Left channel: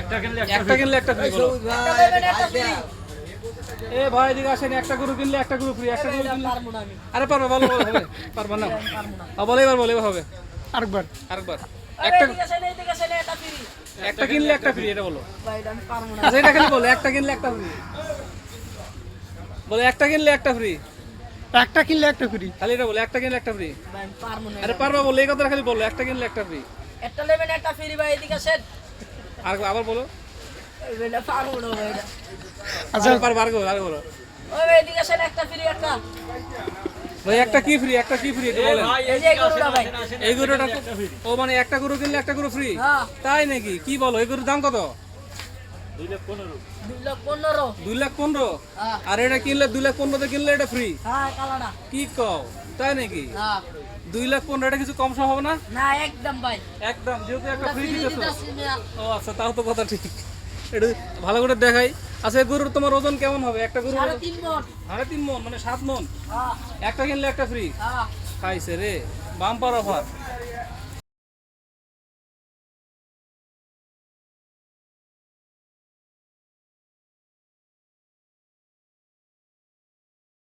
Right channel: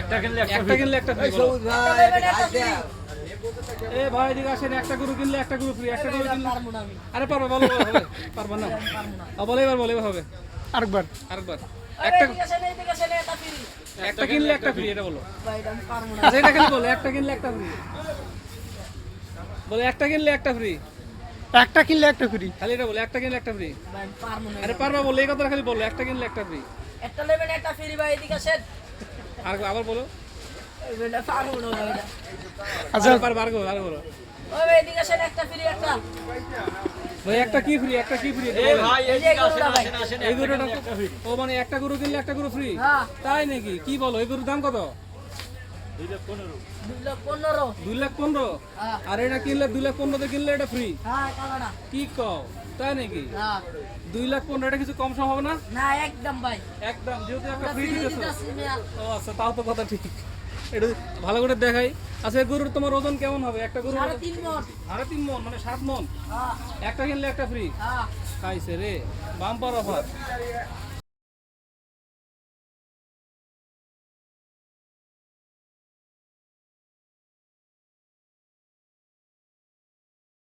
একটা কিনলে একটা একটা কিনলে একটা ফ্রি একটা নেবেন একটা ফ্রি এ ভাই এদিকে আসেন একটা গরু কিনলে একটা গরু ফ্রি একটা গরু এটা কিনলে পারব না আমি। আরে পারবে বলো বলো বলো। পারবে না। আমি পারব না। বলে এবার বলে হবে। আরেকবার। আরেকবার। একটা এদিকে আসেন এদিকে আসেন এটা ফ্রি একটা কিনলে একটা ফ্রি এটা বলো। ভাই এটা আমি পারব না। আচ্ছা এটা খালি বলো একটা কিনলে একটা ফ্রি বলে একটা কিনলে একটা ফ্রি একটা কিনলে একটা ফ্রি খালি এটা বলো একটা কিনলে একটা ফ্রি আরে। পারবা বলো এই কথা খালি বলো একটা কিনলে একটা ফ্রি একটা নেবেন একটা ফ্রি ভাই এদিকে আসেন। আর আবার বলো। আচ্ছা। আর বলো আর বলো ওই এদিকে আসেন একটা ফ্রি একটা। ভাই একটা কি ফ্রি একটা কি ফ্রি এই ভাই এই গরুটা ভাই। এই গরুটা ও মানে একটা গরু কিনলে একটা গরু ফ্রি হ্যাঁ। তাই নাকি? কি বলো? এই গরুর দাম কত? দুই লাখ পনেরো। হ্যাঁ। আর এটা কিনলে দুই লাখ পনেরোতে কিনলে এটা ফ্রি হ্যাঁ কি কও? তাই নাকি? হ্যাঁ। দুই লাখ পনেরো এটা কিছু কম সম হবে না? না একদম ভাই। একদম যেহেতু একটা ফ্রি। ও আচ্ছা তাও তো কথা ঠিক। একটু ভালো করে দেখাই। আচ্ছা গরুর তোমার ওজন কেমন হবে? একটা গরু সাড়ে তিন মন। মন সাত মন? একটা কিনলে একটা ফ্রি খাইছে রে। Bumper offer.